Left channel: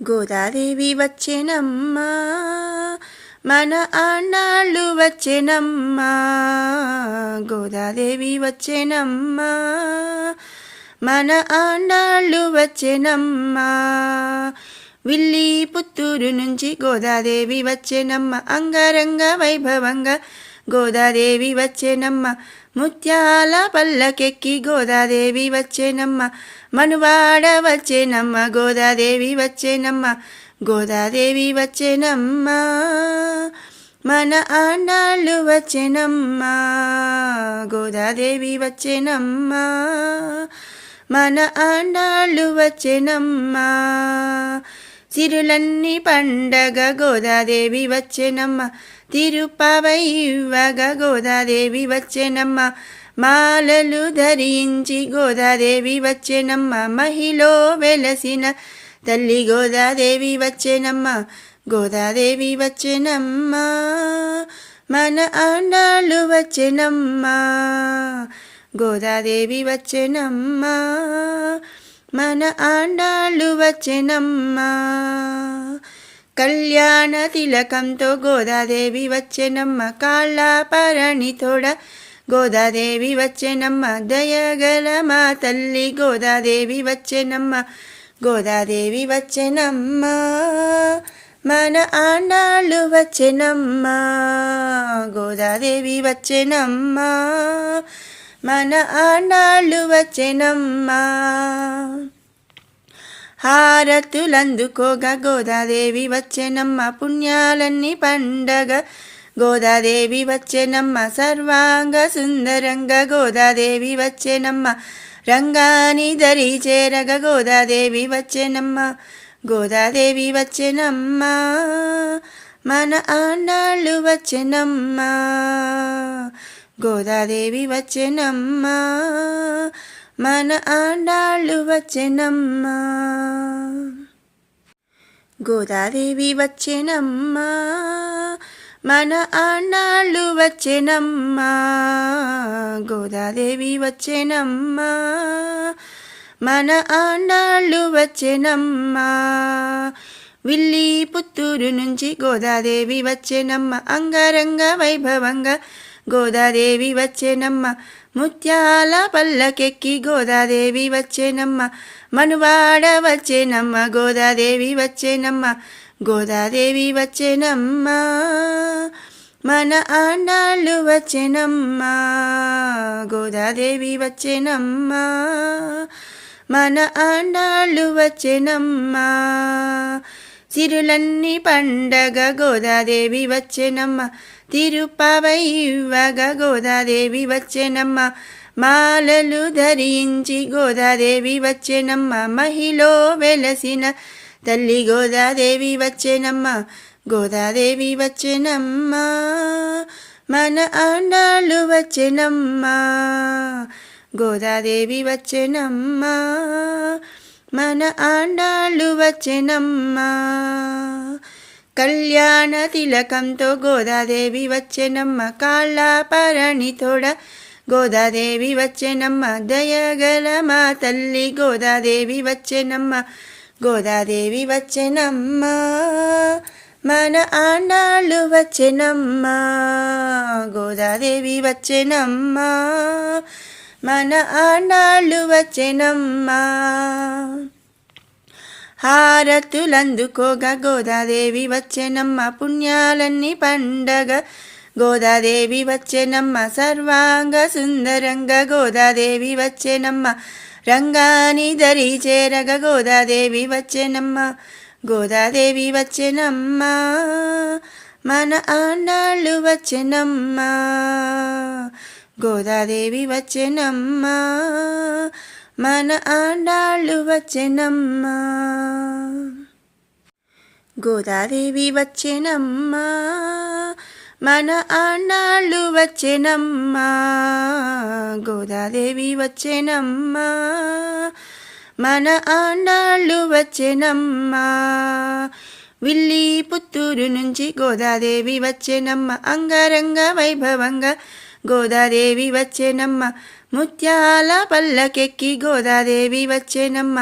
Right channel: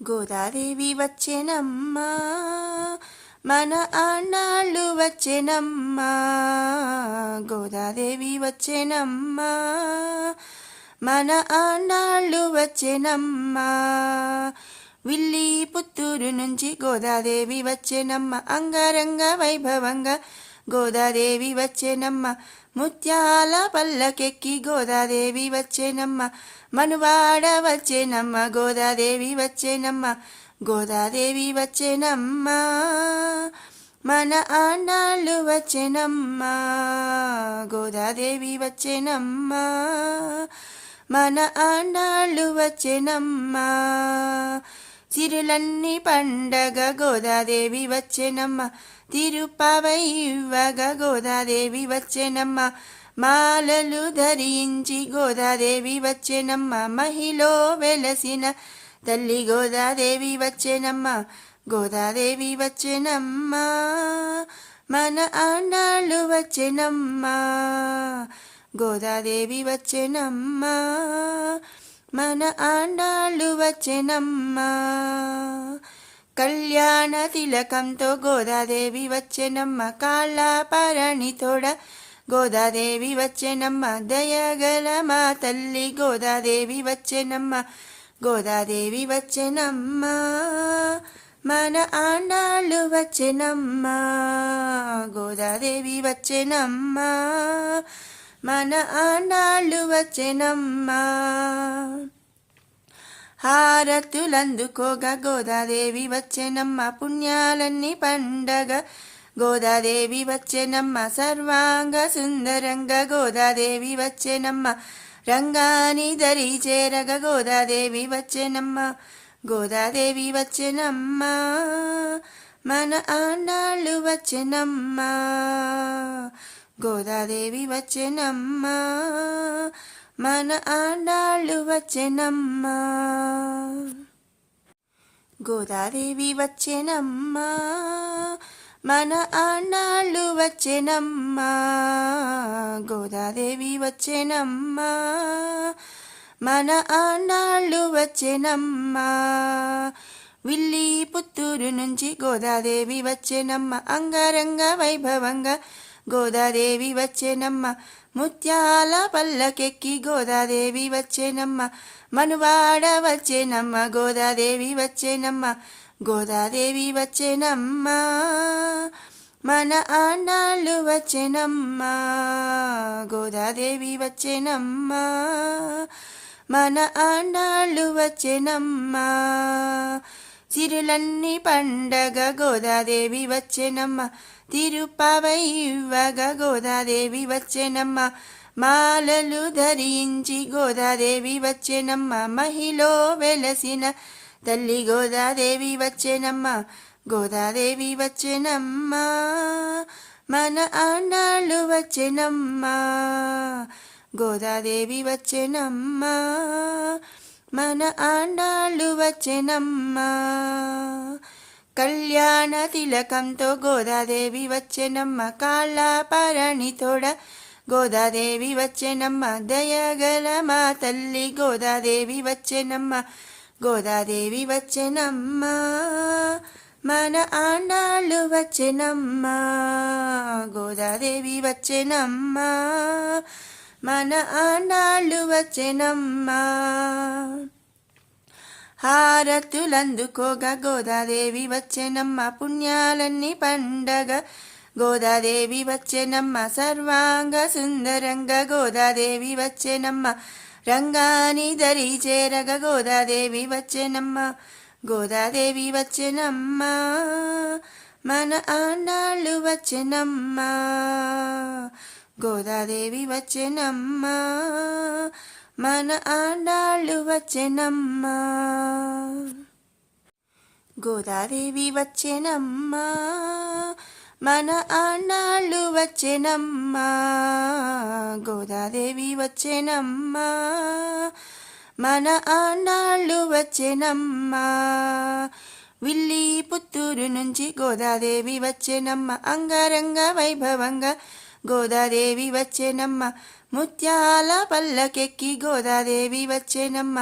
గోదాదేవి వచ్చెనమ్మా, మన ఆండాళ్ళు వచ్చెనమ్మా. గోదాదేవి వచ్చెనమ్మా, మన ఆండాళ్ళు వచ్చెనమ్మా. విల్లి పుత్తూరు నుంచి గోదాదేవి వచ్చెనమ్మ, అంగరంగ వైభవంగా గోదాదేవి వచ్చెనమ్మ. ముత్యాల పల్లకెక్కి గోదాదేవి వచ్చెనమ్మ, మనువాడ వచ్చెనమ్మ. గోదాదేవి వచ్చెనమ్మ, గోదాదేవి వచ్చెనమ్మ, మన ఆండాళ్ళు వచ్చెనమ్మ. గోదాదేవి వచ్చెనమ్మ, మన ఆండాళ్ళు వచ్చెనమ్మ. సిరులన్నీ పండగ గోదాదేవి వచ్చెనమ్మ, తిరుపవై ఇవ్వగా గోదాదేవి వచ్చెనమ్మ. మాలలు ధరించి గోదాదేవి వచ్చెనమ్మ, మహిలో వెలసిన తల్లి గోదాదేవి వచ్చెనమ్మ. గోదాదేవి వచ్చెనమ్మ, మన ఆండాళ్ళు వచ్చెనమ్మ. గోదాదేవి వచ్చెనమ్మ, మన ఆండాళ్ళు వచ్చెనమ్మ. కళ్యాణ తిలకంతో గోదాదేవి వచ్చెనమ్మ, కాళ్ళ పరణి తోడ గోదాదేవి వచ్చెనమ్మ. దయగల మా తల్లి గోదాదేవి వచ్చెనమ్మ. గోదాదేవి వచ్చెనమ్మ, మన ఆండాళ్ళు వచ్చెనమ్మ. గోదాదేవి వచ్చెనమ్మ, మన ఆండాళ్ళు వచ్చెనమ్మ. హారతులందుకోగా గోదాదేవి వచ్చెనమ్మ, పుణ్యాలన్నీ పండగ గోదాదేవి వచ్చెనమ్మ. సర్వాంగ సుందరంగా గోదాదేవి వచ్చెనమ్మ, రంగాని దరి చేరగ గోదాదేవి వచ్చెనమ్మ. గోదాదేవి వచ్చెనమ్మ, మన ఆండాళ్ళు వచ్చెనమ్మ. గోదాదేవి వచ్చెనమ్మ, మన ఆండాళ్ళు వచ్చెనమ్మ. గోదాదేవి వచ్చెనమ్మ, మన ఆండాళ్ళు వచ్చెనమ్మ. గోదాదేవి వచ్చెనమ్మ, మన ఆండాళ్ళు వచ్చెనమ్మ. విల్లి పుత్తూరు నుంచి గోదాదేవి వచ్చెనమ్మ, అంగరంగ వైభవంగా గోదాదేవి వచ్చెనమ్మ. ముత్యాల పల్లకెక్కి గోదాదేవి వచ్చెనమ్మ, మనువాడ వచ్చెనమ్మ. గోదాదేవి వచ్చెనమ్మ, గోదాదేవి వచ్చెనమ్మ, మన ఆండాళ్ళు వచ్చెనమ్మ. గోదాదేవి వచ్చెనమ్మ, మన ఆండాళ్ళు వచ్చెనమ్మ. సిరులన్నీ పండగ గోదాదేవి వచ్చెనమ్మ, తిరుపవై ఇవ్వగా గోదాదేవి వచ్చెనమ్మ. మాలలు ధరించి గోదాదేవి వచ్చెనమ్మ, మహిలో వెలసిన తల్లి గోదాదేవి వచ్చెనమ్మ. గోదాదేవి వచ్చెనమ్మ, మన ఆండాళ్ళు వచ్చెనమ్మ. గోదాదేవి వచ్చెనమ్మ, మన ఆండాళ్ళు వచ్చెనమ్మ. కళ్యాణ తిలకంతో గోదాదేవి వచ్చెనమ్మ, కాళ్ళ పరణి తోడ గోదాదేవి వచ్చెనమ్మ. దయగల మా తల్లి గోదాదేవి వచ్చెనమ్మ. గోదాదేవి వచ్చెనమ్మ, మన ఆండాళ్ళు వచ్చెనమ్మ. గోదాదేవి వచ్చెనమ్మ, మన ఆండాళ్ళు వచ్చెనమ్మ. హారతులందుకోగా గోదాదేవి వచ్చెనమ్మ, పుణ్యాలన్నీ పండగ గోదాదేవి వచ్చెనమ్మ. సర్వాంగ సుందరంగా గోదాదేవి వచ్చెనమ్మ, రంగాని దరి చేరగ గోదాదేవి వచ్చెనమ్మ. గోదాదేవి వచ్చెనమ్మ, మన ఆండాళ్ళు వచ్చెనమ్మ. గోదాదేవి వచ్చెనమ్మ, మన ఆండాళ్ళు వచ్చెనమ్మ. గోదాదేవి వచ్చెనమ్మ, మన ఆండాళ్ళు వచ్చెనమ్మ. గోదాదేవి వచ్చెనమ్మ, మన ఆండాళ్ళు వచ్చెనమ్మ. విల్లి పుత్తూరు నుంచి గోదాదేవి వచ్చెనమ్మ, అంగరంగ వైభవంగా గోదాదేవి వచ్చెనమ్మ. ముత్యాల పల్లకెక్కి గోదాదేవి వచ్చెనమ్మ,